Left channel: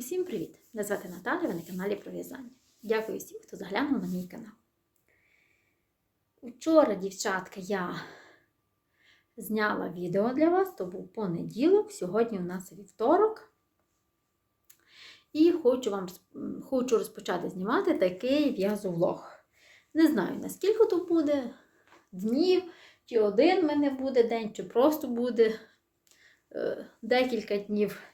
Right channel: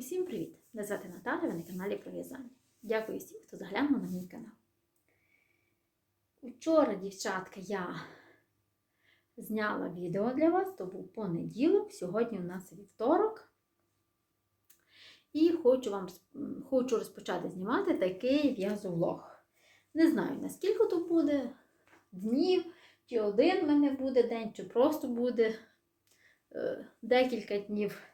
Усім привіт! Мене звати Наталя, ви на каналі про в'язання. Дякую всім, хто заглянув на мій канал. Вчора, дівчатка, я зняла відео для вас, то був понеділок, сьогодні у нас вівторок. І хочу вам хочу розпочати знімати такий в'язовлог. Не знаю, наскільки то буде днів, чи один в мене буде день, чи просто буде е, декілька днів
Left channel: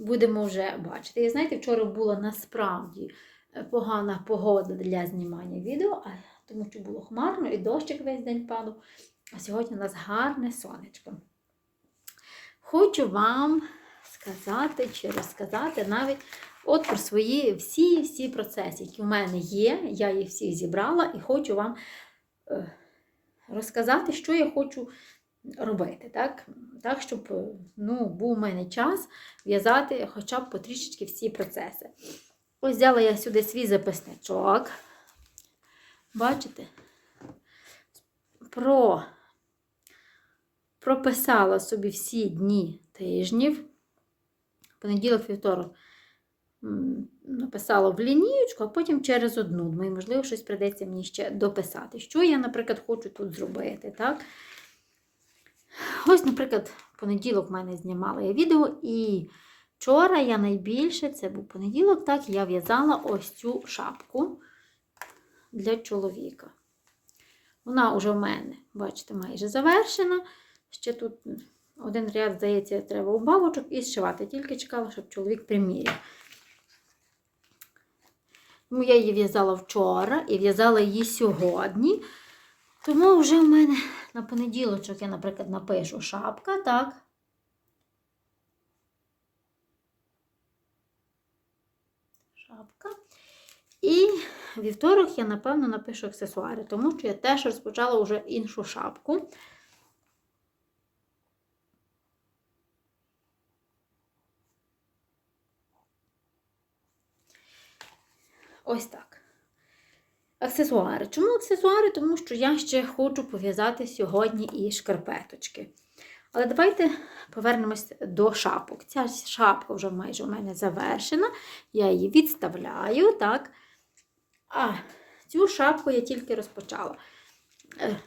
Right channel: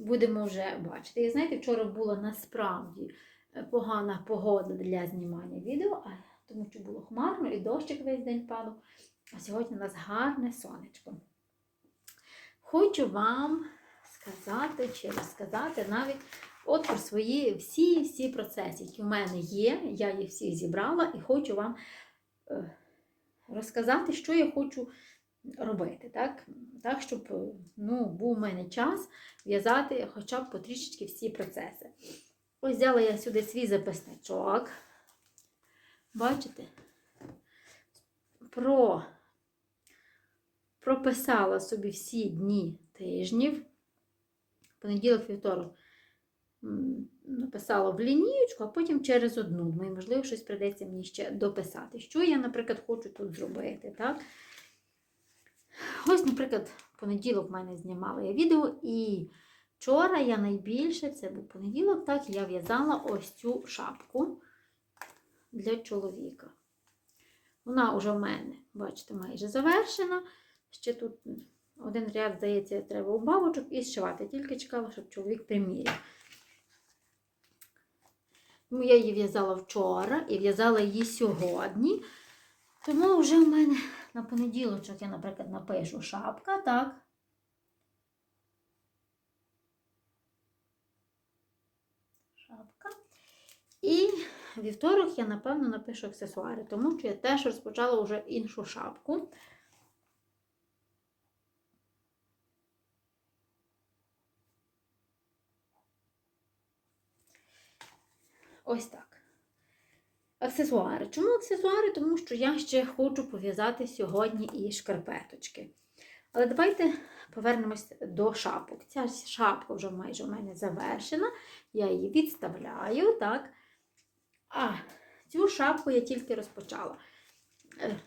будемо вже бачити. І знаєте, вчора була насправді е, погана погода для знімання відео, тому що було хмарно і дощик весь день падав. А сьогодні у нас гарне сонечко. Хочу вам сказати чи розказати навіть от про свої всі-всі процеси, які у мене є. Я їх всі зібрала і хочу вам е, розказати, що я хочу робити. Так, так щоб е, ну, був у мене час в'язати хоча б потрішечки всі процеси. Ось взяла я сюди свій записничок. Бачите? Про, прописала собі всі дні тижнів. Понеділок, вівторок написала в лінієчку, а потім через одну. Можливо, щось прийдеться мені ще дописати. Що я, наприклад, хочу тут зробити. так? Ось, наприклад, понеділок в мене знімала я відео, і вчора я найбільше, це був понеділок, так, я в'язала ось цю шапку для чоловіка. Вона вже в мене, бачите, майже завершена. Ще тут один ряд, здається, треба у бабочок і зшивати. Тільки чекала, щоб чоловік приміряв. Тому я її в'язала вчора і в'язала її сьогодні. Тому вже в мене на понеділочок я, наприклад, напишу шапка, так. Шапка. І вівторок я, напевно, напишу аксесуари, тому що я теж розпочала вже іншу шапку. Ось так. Аксесуари. Чому аксесуари? Тому що я ще хочу пов'язати сьогодні і шкарпеточки. Але давайте повернемось до шапок. Ця шапка вже майже у мене завершена. Я її відставляю, так. А цю шапку я тільки розпочала. Е,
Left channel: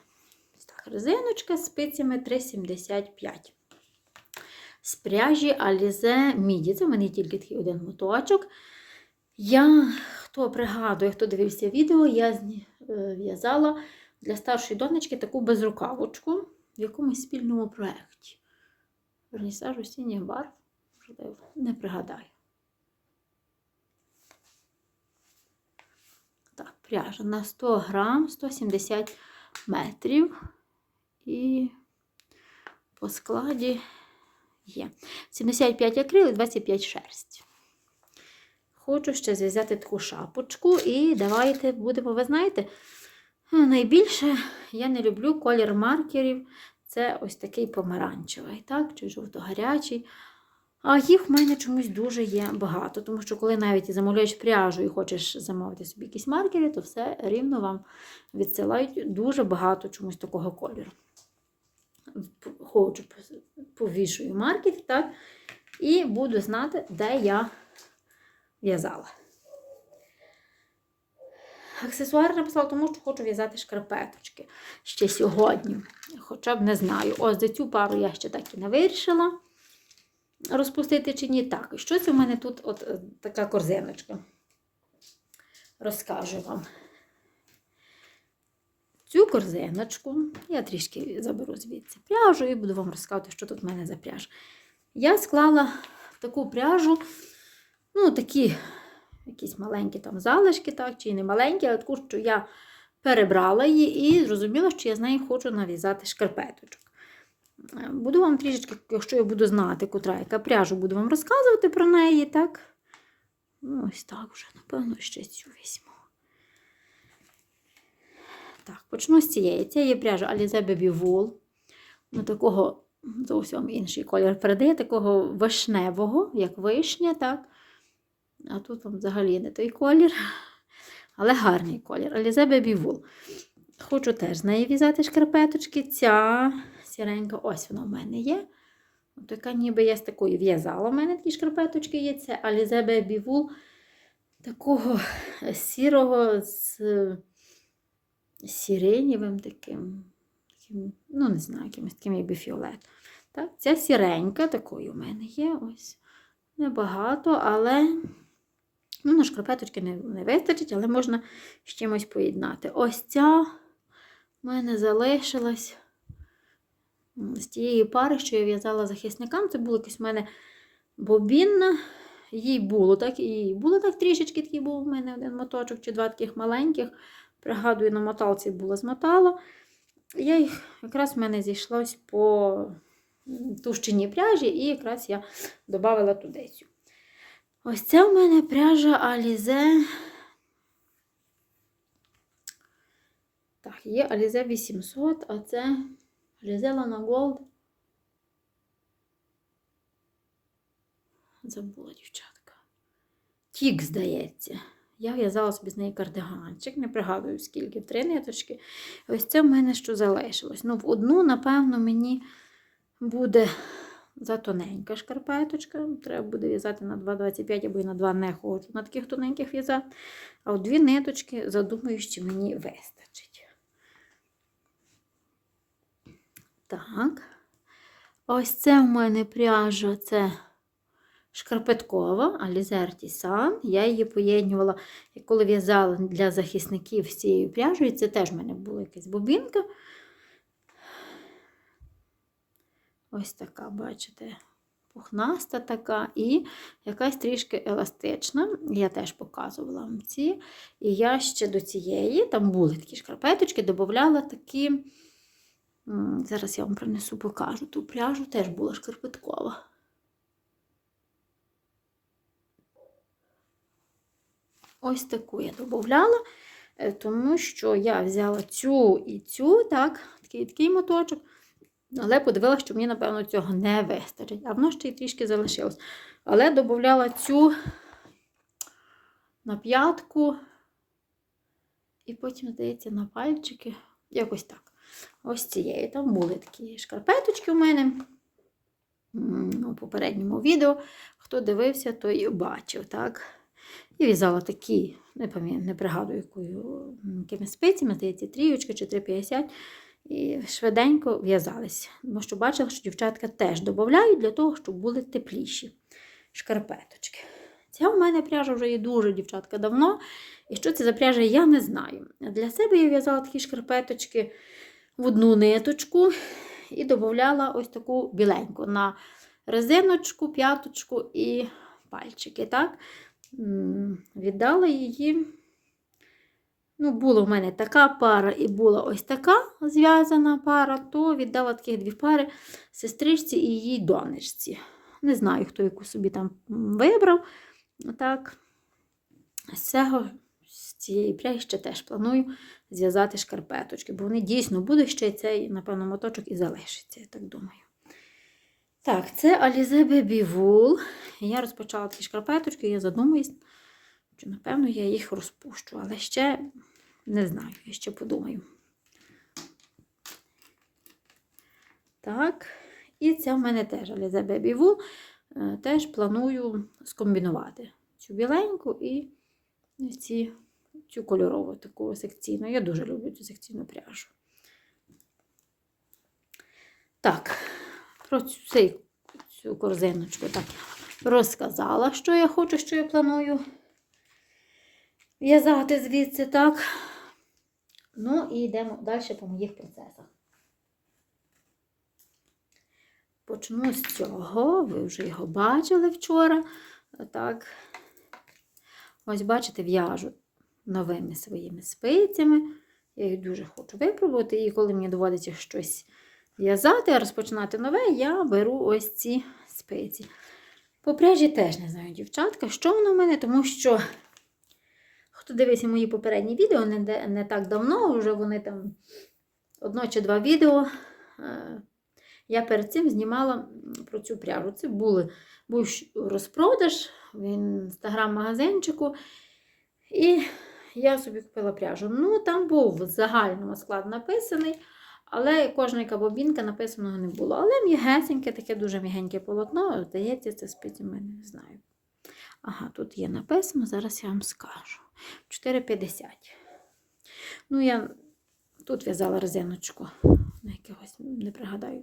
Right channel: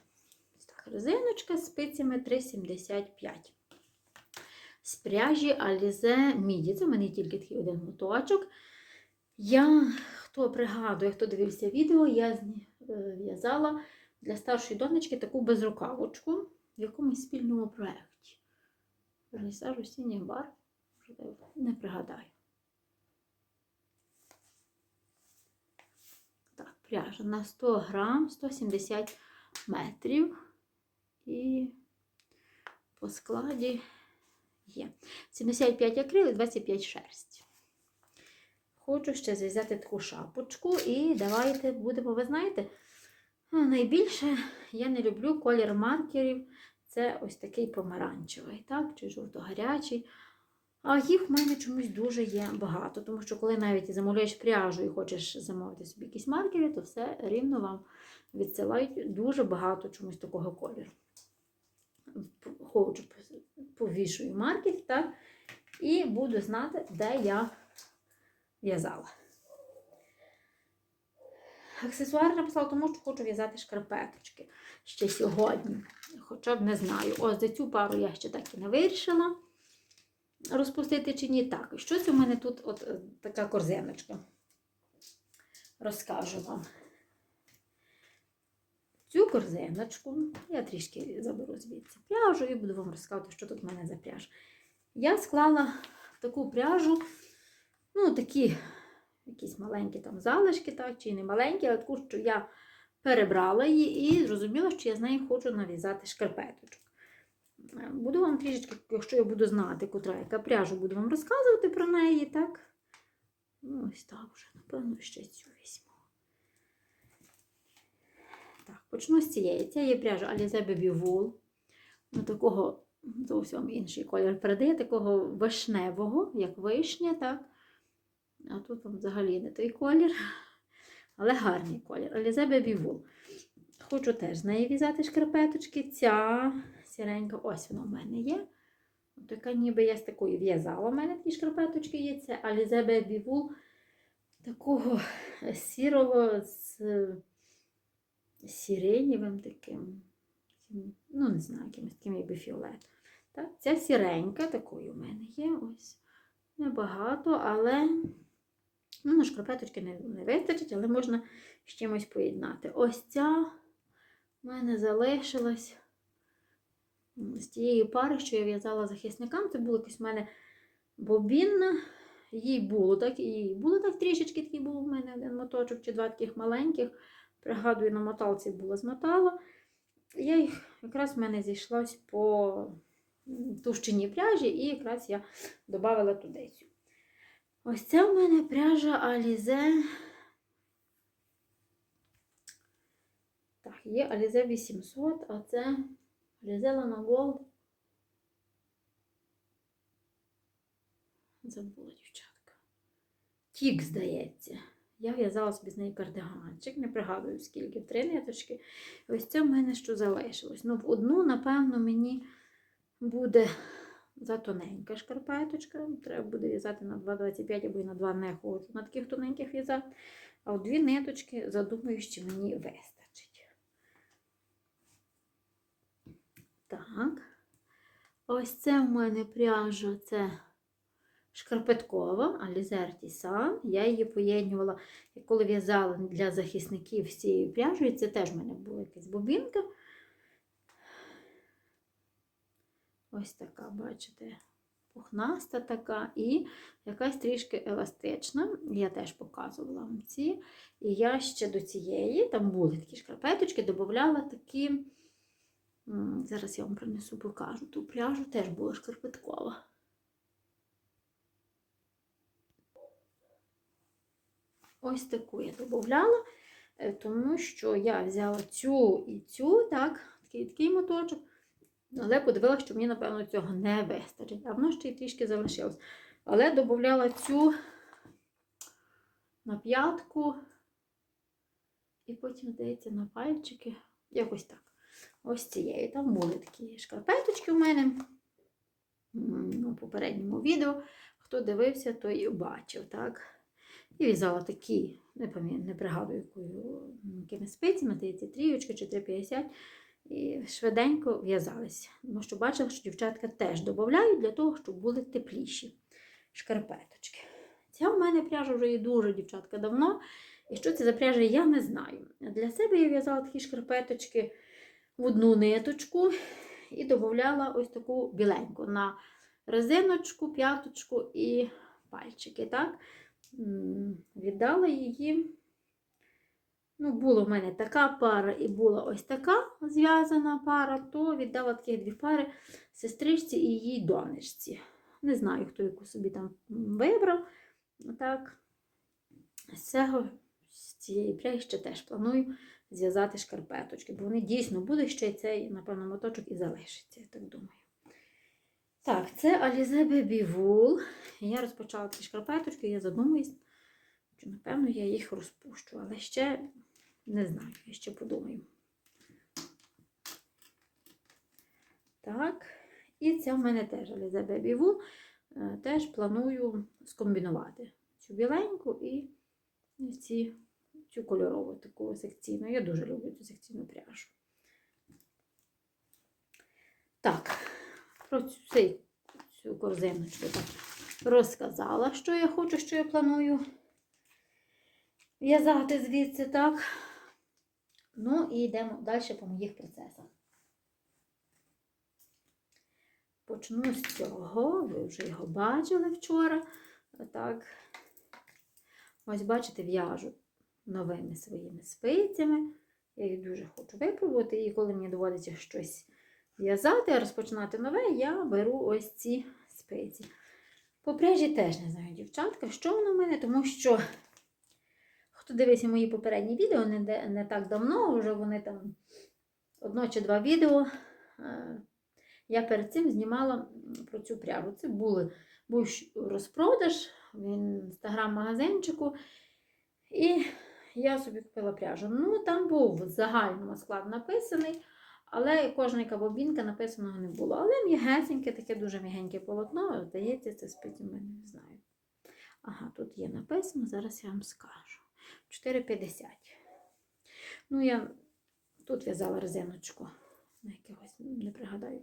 резиночка з спицями 3,75. З пряжі Alize Midi. Це в мене тільки такий один моточок. Я, хто пригадує, хто дивився відео, я зні- е, для старшої донечки таку безрукавочку в якомусь спільному проєкті. Вернісаж осінніх барв, не пригадаю. Так, пряжа на 100 грам, 170 метрів. І по складі є 75 акрил і 25 шерсть. Хочу ще зв'язати таку шапочку і давайте будемо, ви знаєте, найбільше я не люблю колір маркерів. Це ось такий помаранчевий, так, чи жовто-гарячий. А їх в мене чомусь дуже є багато, тому що коли навіть замовляєш пряжу і хочеш замовити собі якісь маркери, то все рівно вам відсилають дуже багато чомусь такого кольору. Хочу, повішую маркер, так, і буду знати, де я в'язала. Аксесуари написала, тому що хочу в'язати шкарпеточки ще сьогодні. Хоча б не знаю. Ось за цю пару я ще так і не вирішила розпустити чи ні. Так, щось у мене тут от е, така корзиночка. Розкажу вам. Цю корзиночку я трішки заберу звідси пряжу і буду вам розказувати, що тут в мене за пряжа. Я склала таку пряжу, ну, такі якісь маленькі там залишки, так, чи не маленькі, але таку, що я перебрала її і зрозуміла, що я з нею хочу нав'язати шкарпеточок. Е, Буду вам трішечки, якщо я буду знати, котра яка пряжу, буду вам розказувати про неї, так? Ну, ось так вже, напевно, ще цю візьму. Так, почну з цієї. Це є пряжа Alize Baby Wool. Ну, такого зовсім інший колір передає, такого вишневого, як вишня, так? А тут там взагалі не той колір, але гарний колір. Alize Baby. Хочу теж з неї в'язати шкарпеточки. Ця сіренька, ось вона в мене є. Така ніби я з такою в'язала. У мене такі шкарпеточки є. Це Alize Baby такого сірого з сиренєвим таким, ну не знаю, якимось таким якби фіолет. Так, ця сіренька такої у мене є. Ось. Небагато, але ну, на шкарпеточки не, не вистачить, але можна з чимось поєднати. Ось ця в мене залишилась з тієї пари, що я в'язала захисникам. Це була якась в мене бобінна. Їй було так, і було так трішечки, такий був у мене один моточок чи два таких маленьких. Пригадую, на моталці було змотала. Я їх якраз в мене зійшлось по товщині пряжі, і якраз я додала туди цю. Ось це у мене пряжа Alize. Так, є Alize 800, а це Alize Lana Gold. Забула, дівчатка. Тік, здається. Я в'язала собі з неї кардиганчик, не пригадую, скільки, в три ниточки. Ось це в мене що залишилось. Ну, в одну, напевно, мені буде затоненька шкарпеточка. Треба буде в'язати на 2,25 або і на 2 не хочу на таких тоненьких в'язати. А от дві ниточки, задумаю, що мені вистачить. Так. Ось це в мене пряжа, це шкарпеткова Alize Artisan. Я її поєднювала, коли в'язала для захисників з цією пряжею. Це теж в мене була якась бобінка. Ось така, бачите, пухнаста така і якась трішки еластична. Я теж показувала вам ці. І я ще до цієї, там були такі шкарпеточки, додавала такі. Зараз я вам принесу, покажу. Ту пряжу теж була шкарпеткова. Ось таку я додавала, е, тому що я взяла цю і цю, так, такий такий моточок. Але подивилася, що мені, напевно, цього не вистачить. А воно ще й трішки залишилось. Але додавала цю на п'ятку. І потім, здається, на пальчики. Якось так. Ось цієї. Там були такі шкарпеточки у мене. У попередньому відео. Хто дивився, той бачив, так? І в'язала такі, не пам'ятаю, не пригадую, якою якими спицями, здається, трієчка чи 3,50. І швиденько в'язались. Тому що бачила, що дівчатка теж додають для того, щоб були тепліші шкарпеточки. Ця у мене пряжа вже є дуже, дівчатка, давно. І що це за пряжа, я не знаю. Для себе я в'язала такі шкарпеточки в одну ниточку і додавала ось таку біленьку на резиночку, п'яточку і пальчики. Так? Віддала її. Ну, була в мене така пара і була ось така зв'язана пара, то віддала таких дві пари сестричці і її донечці. Не знаю, хто яку собі там вибрав. Так, з цього, з цієї пряги ще теж планую зв'язати шкарпеточки, бо вони дійсно будуть ще цей, напевно, моточок і залишиться, я так думаю. Так, це Alize Baby Wool. Я розпочала такі шкарпеточки, я задумуюсь, що, напевно, я їх розпущу, але ще не знаю, я ще подумаю. Так, і це в мене теж Alize Baby Wool. Е, Теж планую скомбінувати цю біленьку і ці, цю кольорову таку секційну. Я дуже люблю цю секційну пряжу. Так, про цю, цю корзиночку так розказала, що я хочу, що я планую в'язати звідси, так. Ну і йдемо далі по моїх процесах. Почну з цього, ви вже його бачили вчора. Так. Ось, бачите, в'яжу новими своїми спицями. Я їх дуже хочу випробувати. І коли мені доводиться щось в'язати, розпочинати нове, я беру ось ці спиці. По теж не знаю, дівчатка, що воно в мене, тому що хто дивиться мої попередні відео, не, не так давно, вже вони там одно чи два відео. е, Я перед цим знімала про цю пряжу. Це були, був розпродаж в інстаграм-магазинчику. І я собі купила пряжу. Ну, там був в загальному склад написаний, Але кожна бобінка написаного не було. Але м'ягесеньке, таке дуже м'ягеньке полотно. Здається, це спиці в мене не знаю. Ага, тут є написано, зараз я вам скажу. 4,50. Ну, я тут в'язала резиночку. На якогось, не пригадаю,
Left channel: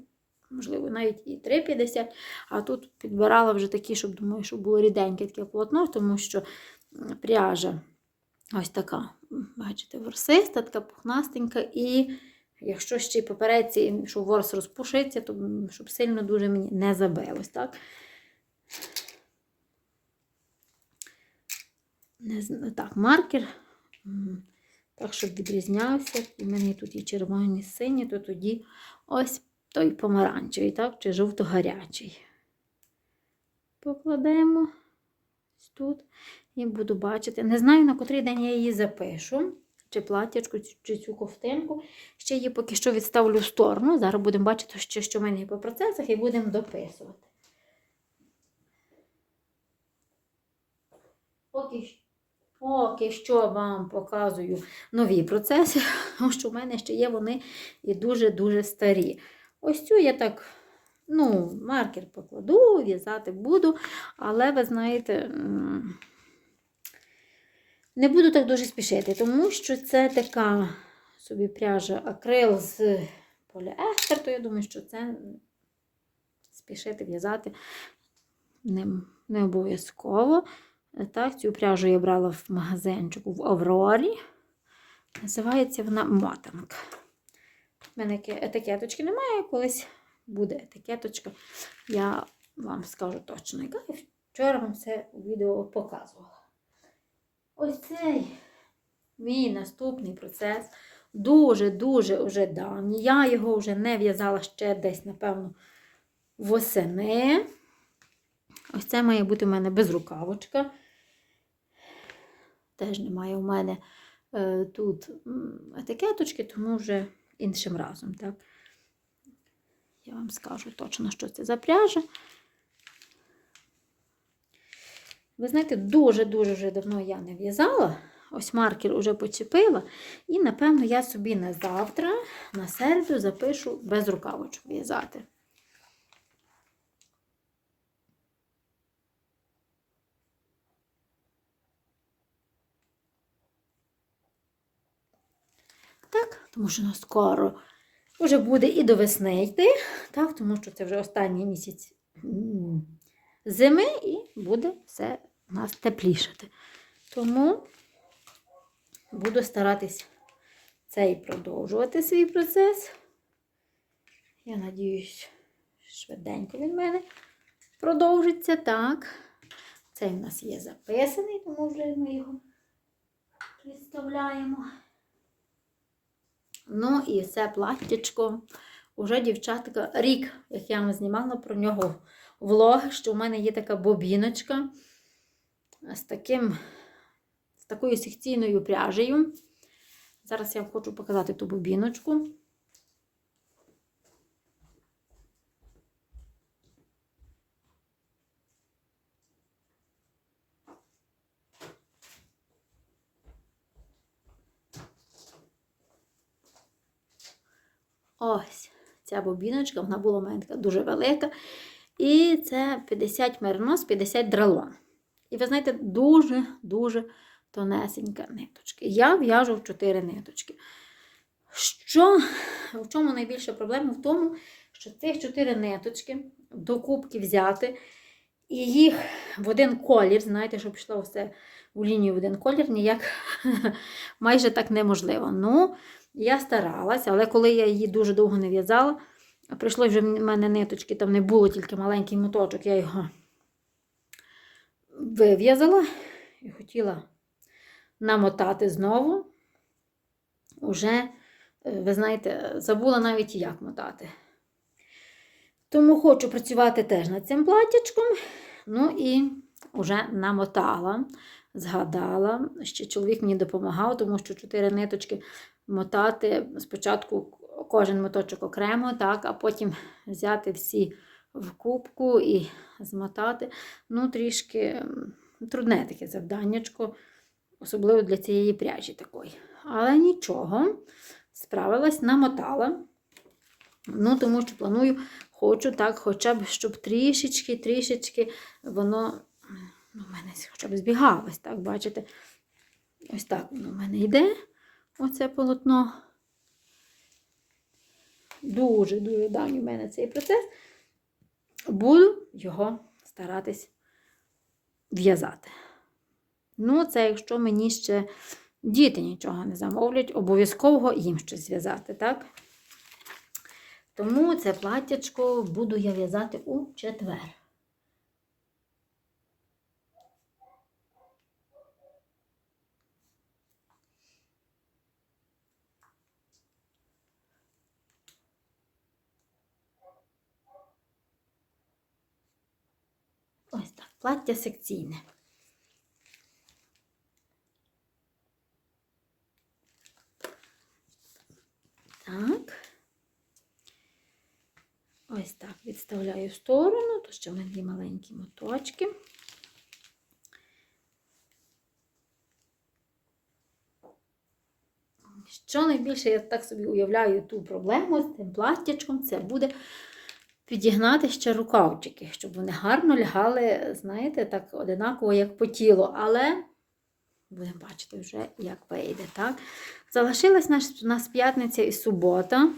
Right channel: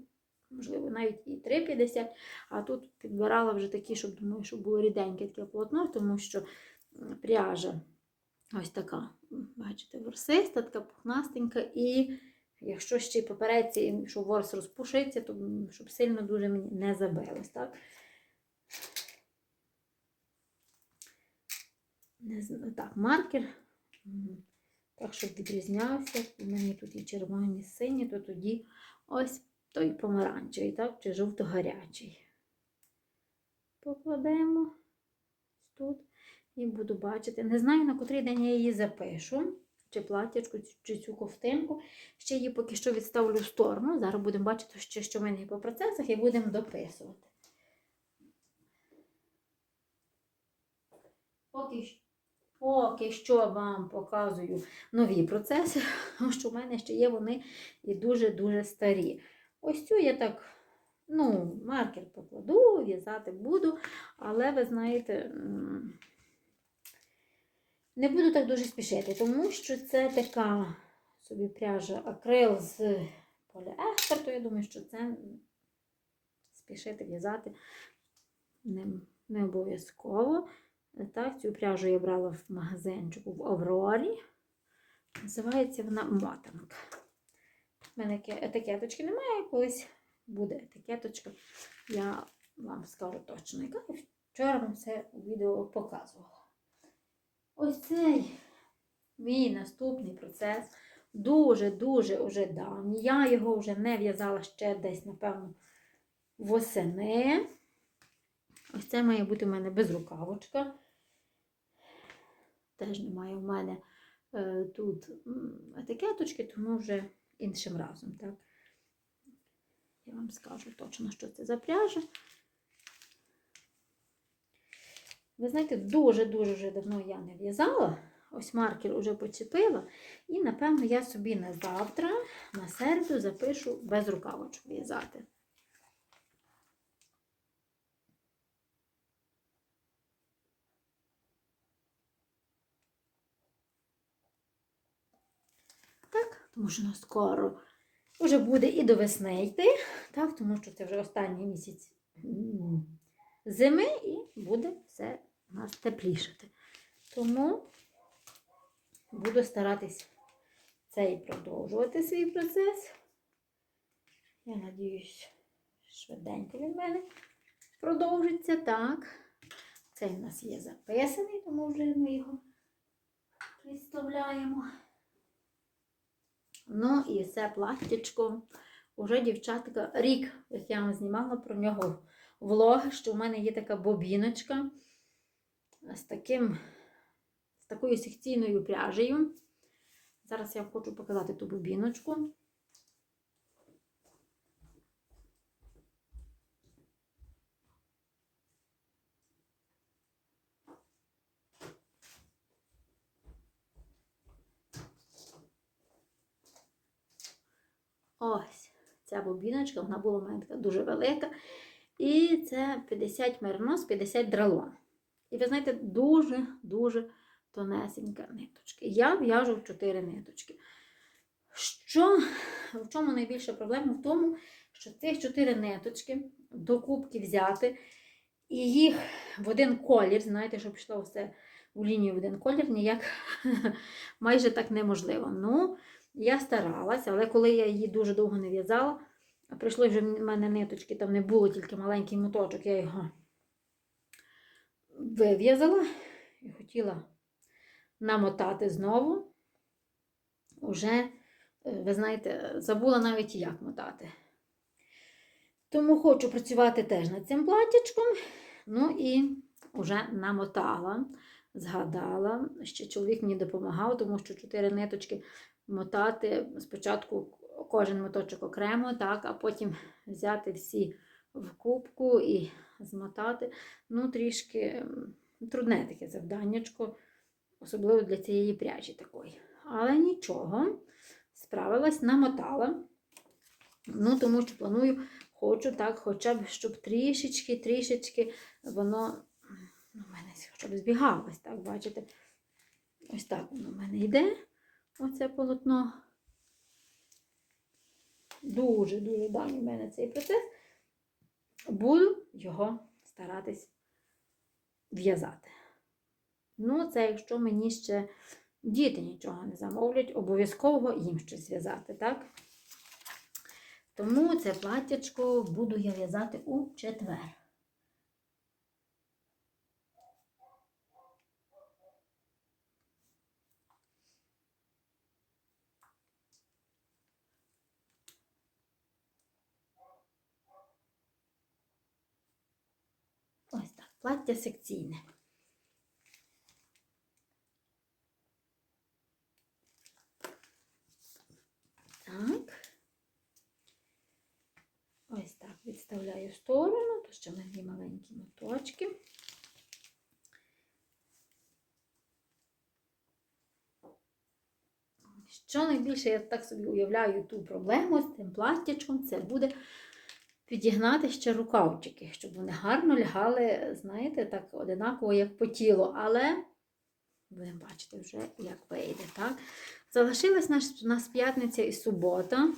можливо, навіть і 3,50. А тут підбирала вже такі, щоб думаю, щоб було ріденьке таке полотно, тому що пряжа ось така, бачите, ворсиста, така пухнастенька. І якщо ще й попереться, щоб ворс розпушиться, то щоб сильно дуже мені не забилось. так? Не так, маркер. Так, щоб відрізнявся. У мене тут і червоні, сині, то тоді ось той помаранчевий, так, чи жовто-гарячий. Покладемо тут і буду бачити. Не знаю, на котрий день я її запишу. Чи платячку, чи цю ковтинку. Ще її поки що відставлю в сторону. Зараз будемо бачити, що, що в мене є по процесах, і будемо дописувати. Поки, поки що вам показую нові процеси, тому що в мене ще є вони і дуже-дуже старі. Ось цю я так, ну, маркер покладу, в'язати буду, але ви знаєте, не буду так дуже спішити, тому що це така собі пряжа акрил з поліестер, то я думаю, що це спішити в'язати не, не обов'язково. Так, цю пряжу я брала в магазинчику в Аврорі. Називається вона мотанка. У мене етикеточки немає, колись буде етикеточка. Я вам скажу точно, яка. І Вчора вам це у відео показувала. Ось цей мій наступний процес дуже-дуже уже давній. Я його вже не в'язала ще десь, напевно, восени. Ось це має бути в мене безрукавочка. Теж немає у мене е, тут етикеточки, тому вже іншим разом. Так? Я вам скажу точно, що це за пряжа. Ви знаєте, дуже-дуже вже давно я не в'язала. Ось маркер уже почепила. І, напевно, я собі на завтра, на середу, запишу без рукавочок в'язати. Так, тому що ну, скоро вже буде і до весни йти, так, тому що це вже останній місяць зими і буде все у нас теплішати. Тому буду старатись цей продовжувати свій процес. Я надіюсь, швиденько він мене продовжиться. Так. Цей в нас є записаний, тому вже ми його відставляємо. Ну і це платтячко. Уже, дівчатка, рік, як я вам знімала про нього влог, що в мене є така бобіночка з таким, з такою секційною пряжею. Зараз я хочу показати ту бобіночку. Ось ця бобіночка, вона була у мене така дуже велика. І це 50 меринос, 50 дралон. І ви знаєте, дуже-дуже тонесенька ниточка. Я в'яжу в 4 ниточки. Що, в чому найбільша проблема? В тому, що цих 4 ниточки до кубки взяти і їх в один колір, знаєте, щоб пішло все у лінію в один колір, ніяк майже так неможливо. Ну, я старалася, але коли я її дуже довго не в'язала, прийшло вже в мене ниточки, там не було тільки маленький моточок, я його вив'язала і хотіла намотати знову. Уже, е, ви знаєте, забула навіть як мотати. Тому хочу працювати теж над цим платтячком. Ну і вже намотала, згадала. Ще чоловік мені допомагав, тому що чотири ниточки мотати. Спочатку кожен моточок окремо, так, а потім взяти всі в кубку і змотати. Ну, трішки трудне таке завданнячко, особливо для цієї пряжі такої. Але нічого, справилась, намотала. Ну, тому що планую, хочу так, хоча б, щоб трішечки, трішечки воно ну, в мене хоча б збігалось, так, бачите? Ось так воно в мене йде, оце полотно. Дуже-дуже давній в мене цей процес. Буду його старатись в'язати. Ну, це якщо мені ще діти нічого не замовлять, обов'язково їм щось зв'язати, так? Тому це платтячко буду я в'язати у четвер. Ось так, плаття секційне. Так. Ось так відставляю в сторону, то ще в мене є маленькі моточки. Що найбільше я так собі уявляю ту проблему з тим платтячком, це буде підігнати ще рукавчики, щоб вони гарно лягали, знаєте, так одинаково, як по тілу. Але будемо бачити вже, як вийде. так? Залишилась у нас п'ятниця і субота.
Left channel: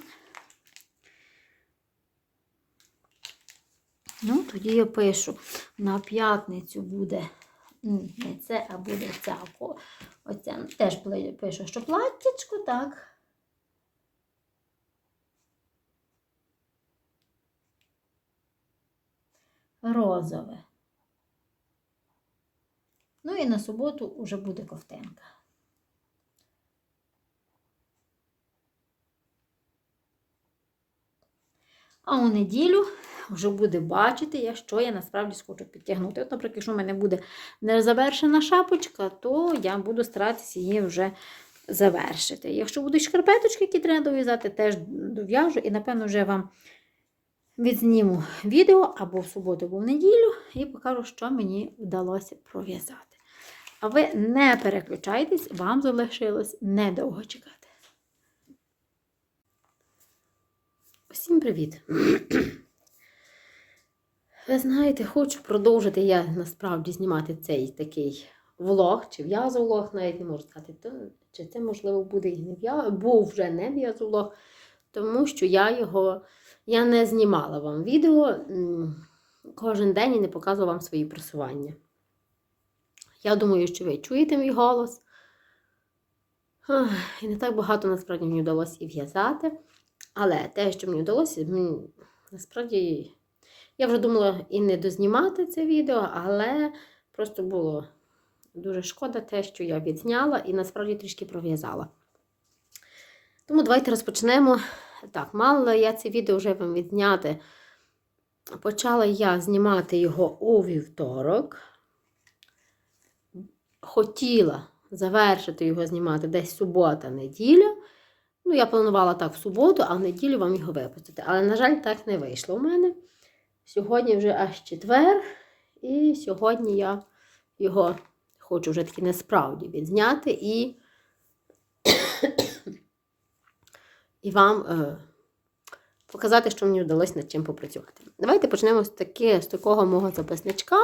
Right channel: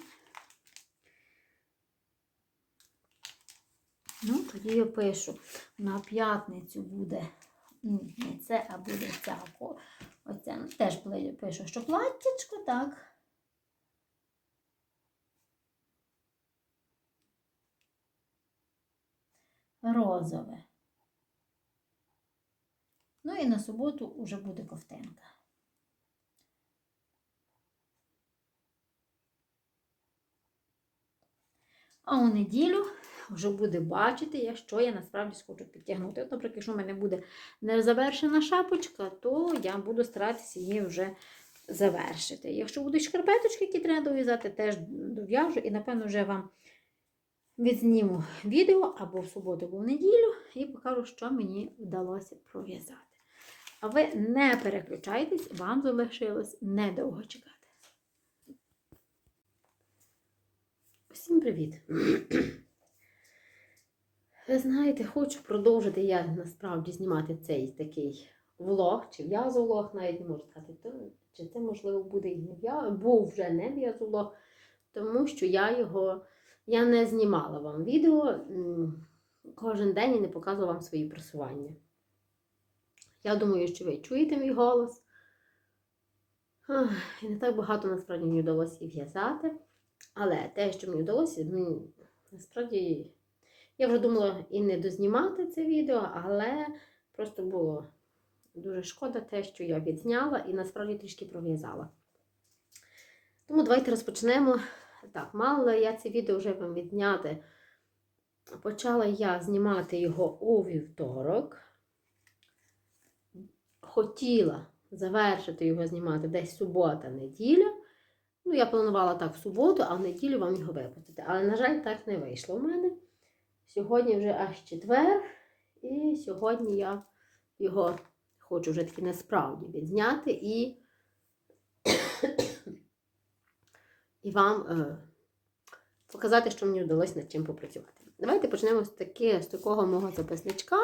Ну, тоді я пишу, на п'ятницю буде не це, а буде ця. Оця. Теж пишу, що платтячко, так. Розове. Ну і на суботу вже буде ковтинка. А у неділю вже буде бачити, що я насправді схочу підтягнути. От, наприклад, якщо в мене буде незавершена шапочка, то я буду старатися її вже завершити. Якщо будуть шкарпеточки, які треба дов'язати, теж дов'яжу і, напевно, вже вам відзніму відео або в суботу, або в неділю, і покажу, що мені вдалося пров'язати. А ви не переключайтесь, вам залишилось недовго чекати. Всім привіт! Ви знаєте, хочу продовжити я насправді знімати цей такий влог, чи в'язовлог, навіть не можу сказати, то, чи це, можливо, буде і не в'язовлог, був вже не в'язовлог, тому що я його я не знімала вам відео кожен день і не показувала вам свої просування. Я думаю, що ви чуєте мій голос. І не так багато насправді мені вдалося і в'язати. Але те, що мені вдалося, насправді, я вже думала і не дознімати це відео, але просто було дуже шкода те, що я відзняла і насправді трішки пров'язала. Тому давайте розпочнемо. Так, мала я це відео вже вам відзняти. Почала я знімати його у вівторок. Хотіла завершити його знімати десь субота-неділя. Ну, я планувала так в суботу, а в неділю вам його випустити. Але, на жаль, так не вийшло у мене. Сьогодні вже аж четвер, і сьогодні я його хочу вже таки насправді відзняти і і вам е, показати, що мені вдалося над чим попрацювати. Давайте почнемо з таки, з такого мого записничка,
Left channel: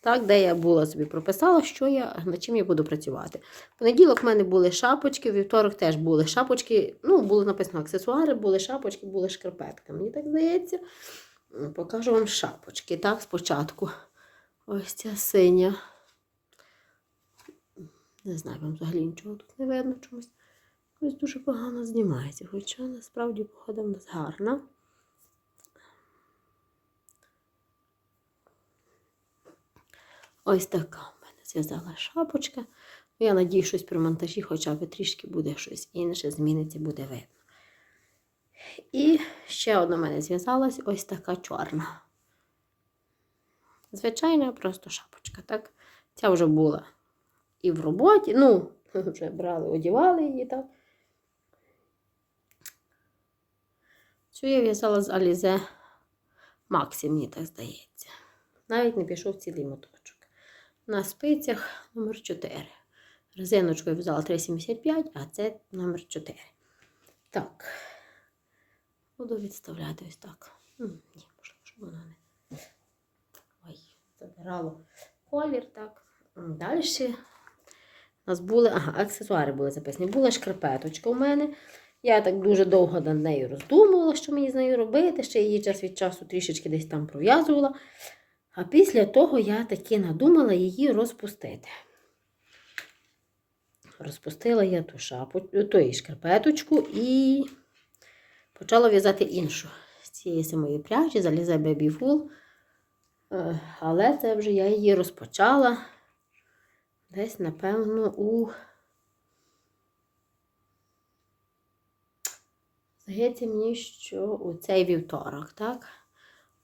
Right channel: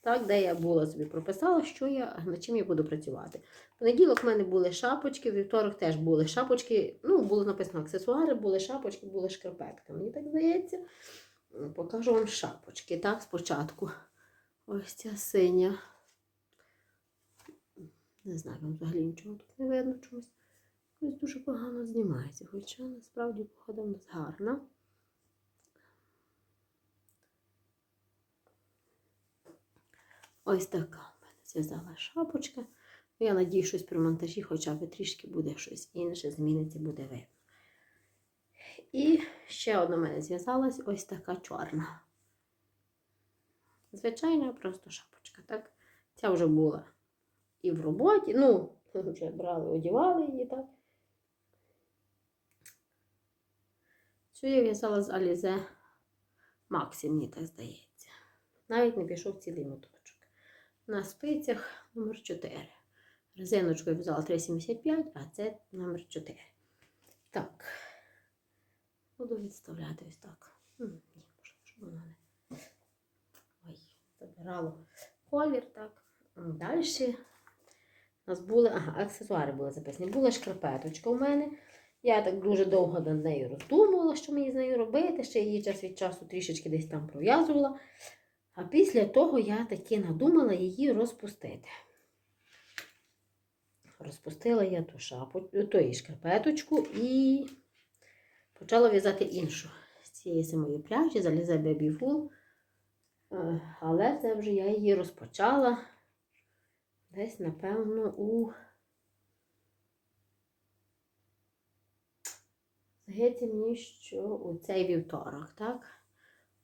так, де я була собі прописала, що я, над чим я буду працювати. В понеділок в мене були шапочки, в вівторок теж були шапочки. Ну, було написано аксесуари, були шапочки, були шкарпетки. Мені так здається. Покажу вам шапочки. Так, спочатку. Ось ця синя. Не знаю, вам взагалі нічого тут не видно чогось. Ось дуже погано знімається, хоча насправді погода в нас гарна. Ось така в мене зв'язала шапочка. Я надію, щось при монтажі хоча б трішки буде щось інше, зміниться, буде видно. І ще одна в мене зв'язалась ось така чорна. Звичайна просто шапочка. так? Ця вже була і в роботі. Ну, вже брали, одівали її, так. Цю я в'язала з Алізе Максі, мені так здається. Навіть не пішов цілий моточок. На спицях номер 4 Резиночку я в'язала 3,75, а це номер 4 Так. Буду відставляти ось так. Ні, можливо, щоб воно не. Ой, забирало колір, так. Далі у нас були, ага, аксесуари були записані. Була шкарпеточка у мене. Я так дуже довго над нею роздумувала, що мені з нею робити. Ще її час від часу трішечки десь там пров'язувала. А після того я таки надумала її розпустити. Розпустила я ту шапу, ту шкарпеточку і почала в'язати іншу. З цієї самої пряжі, залізе Baby Wool. Е, Але це вже я її розпочала десь, напевно, у. Здається мені, що у цей вівторок, так?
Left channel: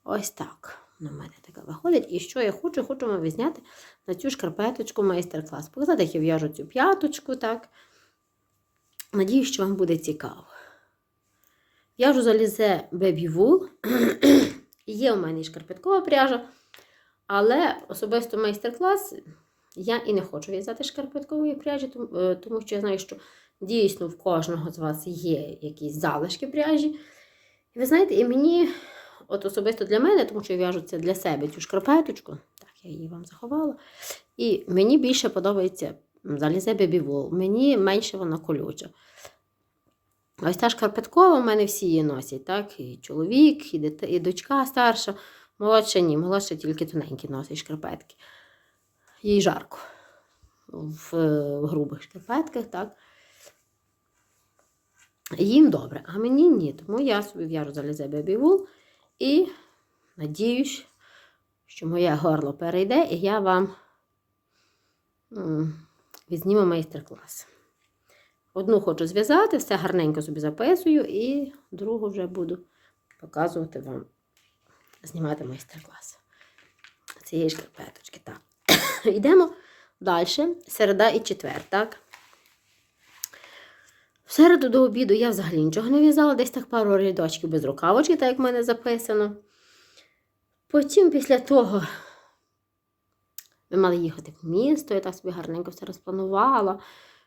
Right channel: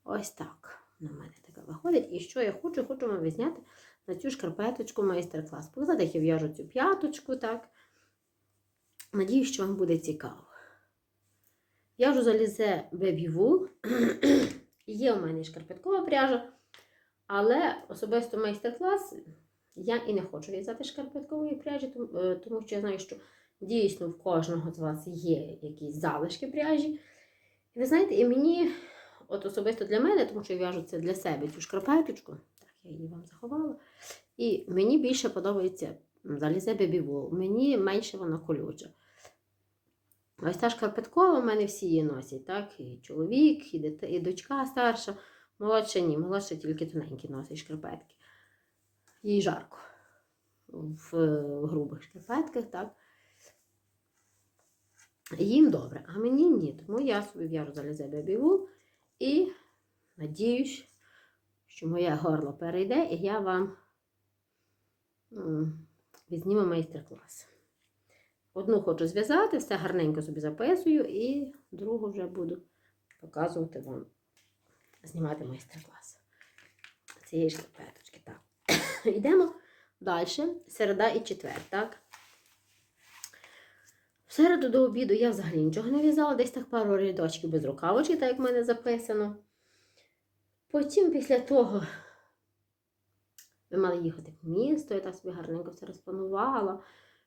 Ось так. На мене така виходить. І що я хочу? Хочу вам відзняти на цю шкарпеточку майстер-клас. Показати, як я в'яжу цю п'яточку, так? Надіюсь, що вам буде цікаво. В'яжу залізе Baby Wool. Є у мене і шкарпеткова пряжа, але особисто майстер-клас я і не хочу в'язати шкарпеткової пряжі, е, тому що я знаю, що дійсно в кожного з вас є якісь залишки пряжі. І ви знаєте, і мені, от особисто для мене, тому що я в'яжу це для себе цю шкарпеточку, так, я її вам заховала. І мені більше подобається залізе бебівол, мені менше вона колюча. Ось та шкарпеткова, у мене всі її носять, так? І чоловік, і, дит... і дочка старша. Молодша ні, молодша тільки тоненькі носить шкарпетки. Їй жарко в, в грубих шкарпетках, так? Їм добре, а мені ні. Тому я собі в'яжу залізе Wool і надіюсь, що моє горло перейде, і я вам м, відзніму майстер-клас. Одну хочу зв'язати, все гарненько собі записую, і другу вже буду показувати вам, знімати майстер-клас. Цієї шкарпеточки. Так. Йдемо далі. Середа і четвер, так? Середу до обіду я взагалі нічого не в'язала, десь так пару рядочків без рукавочки, так як в мене записано. Потім після того ми мали їхати в місто, я так собі гарненько все розпланувала,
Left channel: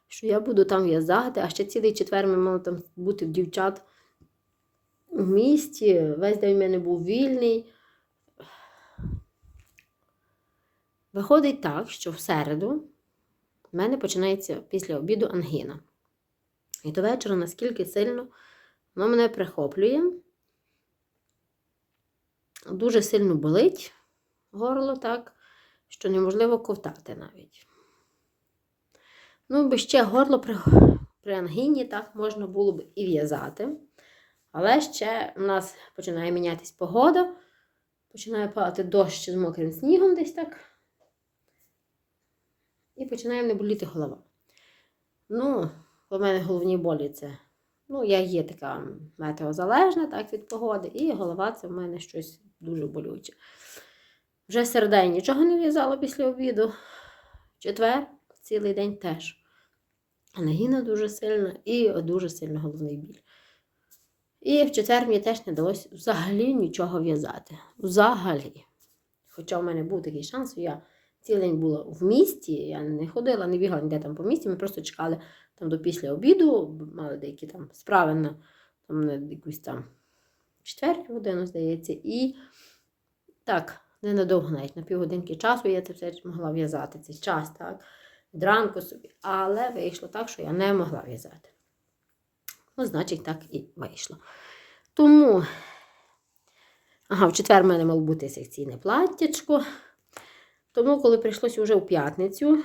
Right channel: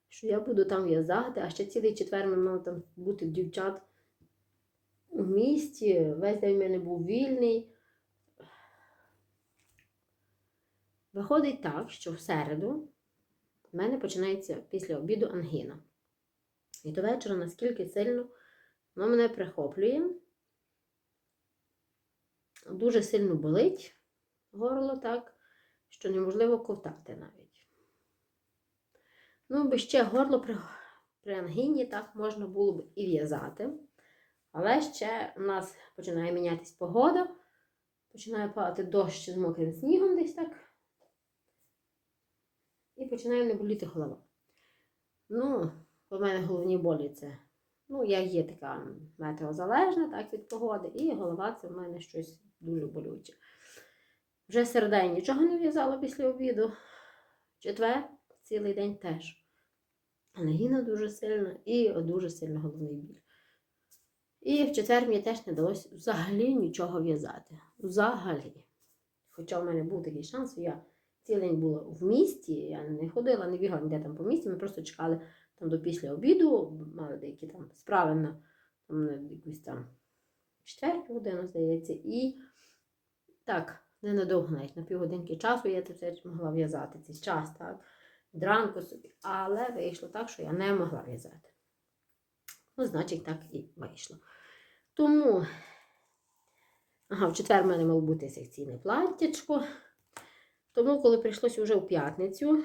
що я буду там в'язати, а ще цілий четвер ми мали там бути в дівчат у місті. Весь день в мене був вільний. Виходить так, що в середу в мене починається після обіду ангіна. І до вечора наскільки сильно воно мене прихоплює. Дуже сильно болить горло, так, що неможливо ковтати навіть. Ну, би ще горло при, при ангіні так можна було б і в'язати. Але ще у нас починає мінятись погода, починає падати дощ з мокрим снігом десь так. І починає не боліти голова. Ну, у мене головні болі це. Ну, я є така метеозалежна так, від погоди, і голова це в мене щось дуже болюче. Вже я нічого не в'язала після обіду. Четвер цілий день теж. Ангіна дуже сильна і дуже сильно головний біль. І в четвер мені теж не вдалося взагалі нічого в'язати. Взагалі. Хоча в мене був такий шанс, я цілий день була в місті, я не ходила, не бігала ніде там по місті, ми просто чекали там до після обіду, мали деякі там справи на, там, на якусь там четверту годину, здається, і так, ненадовго навіть на півгодинки часу я це все могла в'язати цей час, так, від ранку собі. Але вийшло так, що я не могла в'язати. Ну, значить, так і вийшло. Тому, ага, в четвер в мене мало бути секційне платтячко. Тому, коли прийшлося вже у п'ятницю,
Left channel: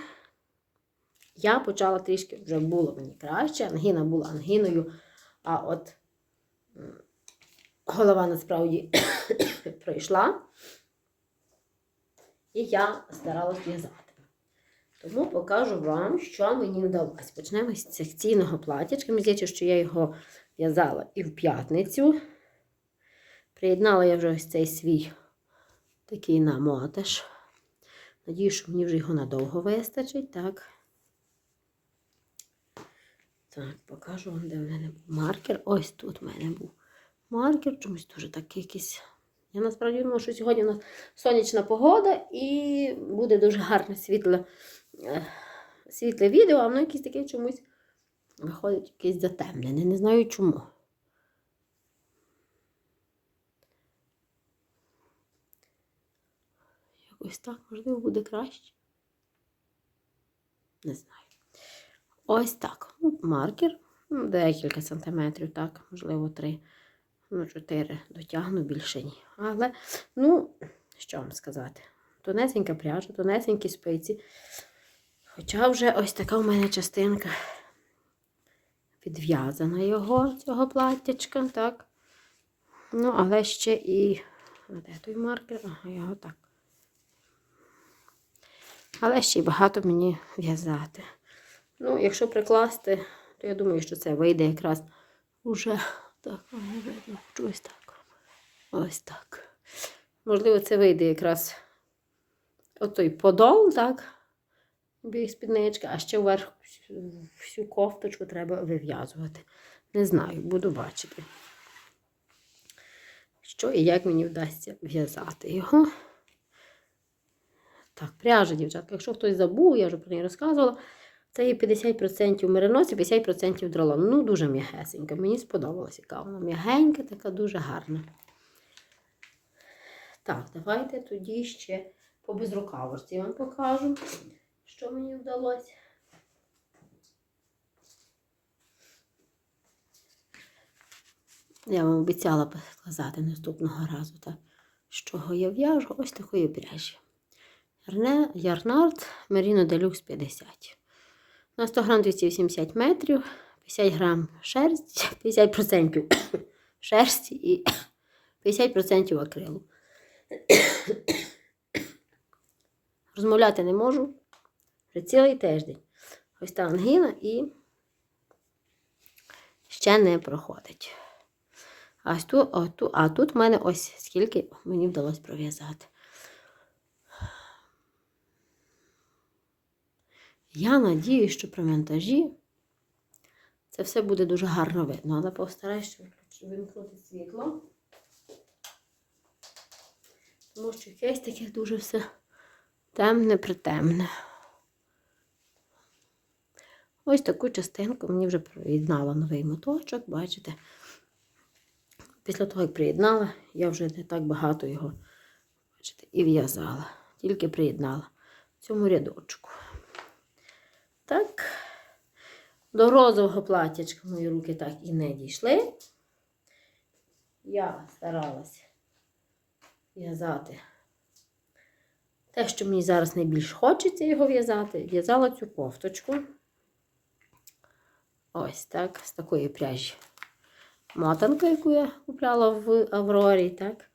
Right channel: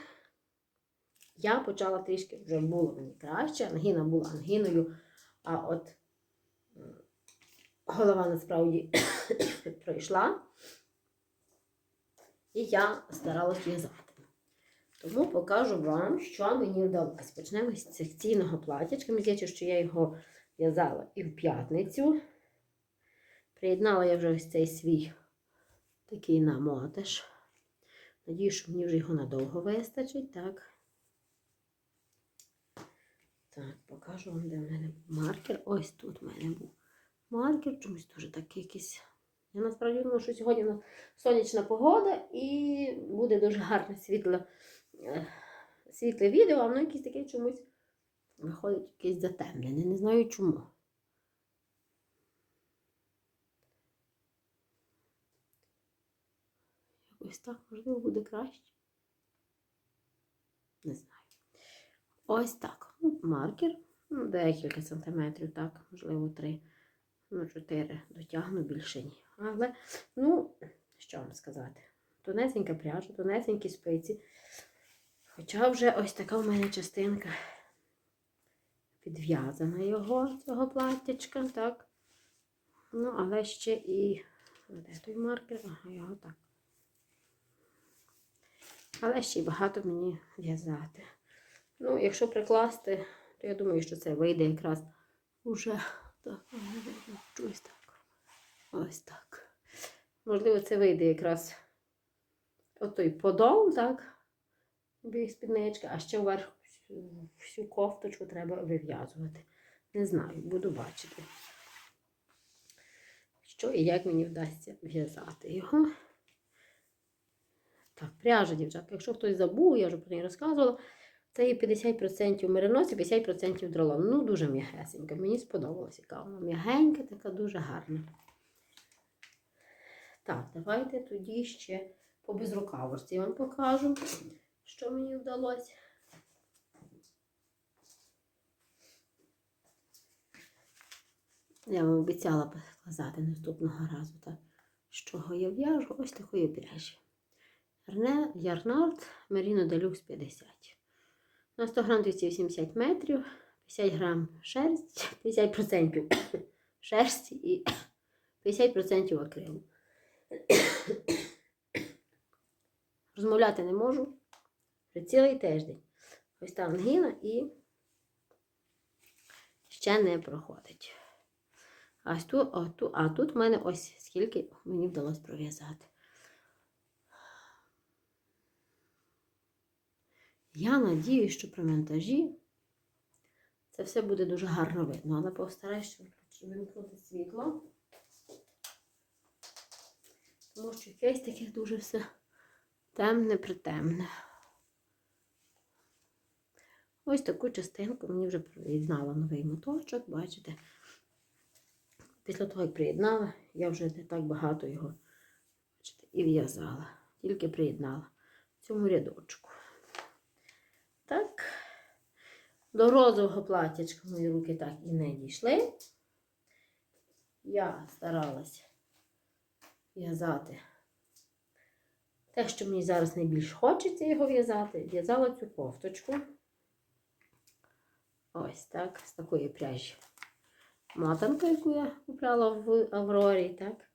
я почала трішки, вже було мені краще. Ангіна була ангіною, а от голова насправді пройшла. І я старалась в'язати. Тому покажу вам, що мені вдалося. Почнемо з секційного платячка. Мені здається, що я його в'язала і в п'ятницю. Приєднала я вже ось цей свій такий намоташ. Надію, що мені вже його надовго вистачить. Так. Так, покажу вам, де в мене був маркер. Ось тут в мене був маркер, чомусь дуже такий якийсь. Я насправді думаю, що сьогодні у нас сонячна погода і буде дуже гарне світле е, світле відео, а воно якесь таке чомусь виходить якесь затемнене. Не знаю чому. Якось так, можливо, буде краще. Не знаю. Ось так. Ну, маркер. Ну, декілька сантиметрів, так, можливо, три, ну, чотири дотягну, більше ні. Але, ну, що вам сказати? Тонесенька пряжа, тонесенькі спиці. Хоча вже ось така в мене частинка підв'язана його, цього платтячка, так. Ну, але ще і. Де той маркер? Ага, його так. Але ще й багато мені в'язати. Ну, якщо прикласти, то я думаю, що це вийде якраз уже так, ось так. Ось так. Можливо, це вийде якраз отой подол, так? Біг спідничка, а ще вверх всю кофточку треба вив'язувати. Не знаю, буду бачити. Що і як мені вдасться в'язати його. Так, пряжа, дівчатка. Якщо хтось забув, я вже про неї розказувала. Це є 50% меринос і 50% дролон. Ну, дуже м'ягесенька. Мені сподобалася, яка м'ягенька, така дуже гарна. Так, давайте тоді ще по безрукавості вам покажу, що мені вдалося. Я вам обіцяла показати наступного разу, так, з чого я в'яжу ось такої пряжі. Ярнард Merino Deluxe 50. На 100 грам 280 метрів, 50 грам шерсті, 50% шерсті і 50% акрилу. Розмовляти не можу вже цілий тиждень. Ось та ангіна і ще не проходить. А, тут, а тут в мене ось скільки мені вдалося пров'язати. Я надію, що при монтажі це все буде дуже гарно видно, але постараюся вимкнути світло. Тому що якесь таке дуже все темне притемне. Ось таку частинку мені вже приєднала новий моточок, бачите. Після того, як приєднала, я вже не так багато його бачите, і в'язала. Тільки приєднала в цьому рядочку. Так, до розового платячка мої руки так і не дійшли. Я старалась в'язати те, що мені зараз найбільш хочеться його в'язати. В'язала цю кофточку. Ось так, з такої пряжі. Мотанка, яку я купляла в Аврорі, так.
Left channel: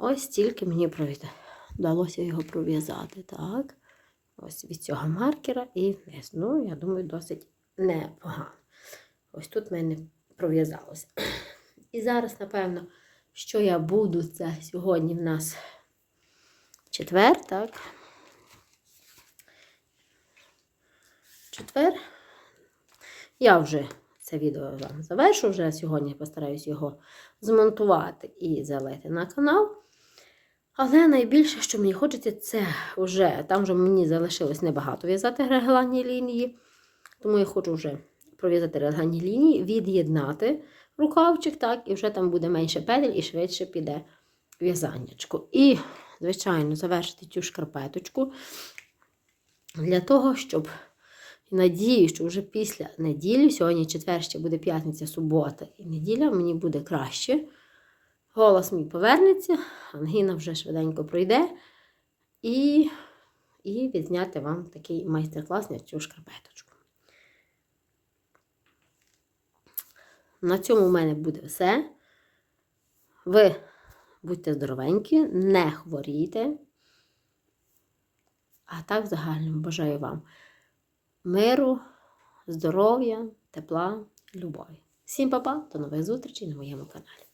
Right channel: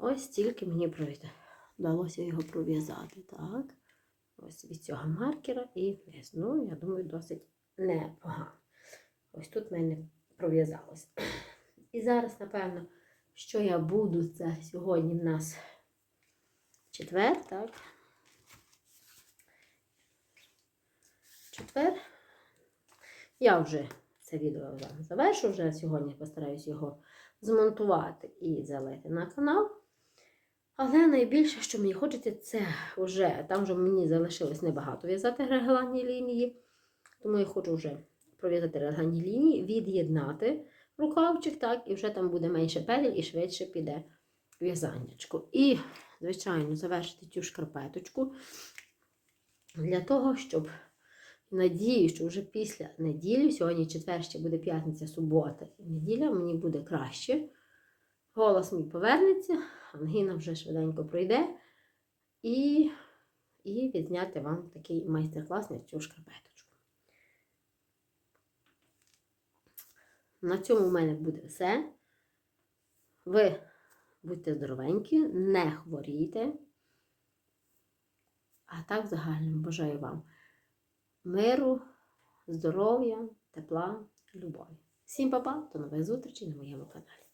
Ось тільки мені вдалося його пров'язати. Так. Ось від цього маркера і вниз. Ну, я думаю, досить непогано. Ось тут в мене пров'язалося. І зараз, напевно, що я буду, це сьогодні в нас четвер, так? Четвер. Я вже це відео вам завершу. Вже сьогодні постараюсь його змонтувати і залити на канал. Але найбільше, що мені хочеться, це вже там вже мені залишилось небагато в'язати регланні лінії. Тому я хочу вже пров'язати регланні лінії, від'єднати рукавчик, так, і вже там буде менше петель і швидше піде в'язаннячко. І, звичайно, завершити цю шкарпеточку для того, щоб надію, що вже після неділі, сьогодні четвер ще буде п'ятниця, субота і неділя, мені буде краще. Голос мій повернеться, ангіна вже швиденько пройде. І, і відзняти вам такий майстер-клас на цю шкарпеточку. На цьому в мене буде все. Ви будьте здоровенькі, не хворійте. А так, в загальному бажаю вам миру, здоров'я, тепла, любові. Всім па-па, до нових зустрічей на моєму каналі.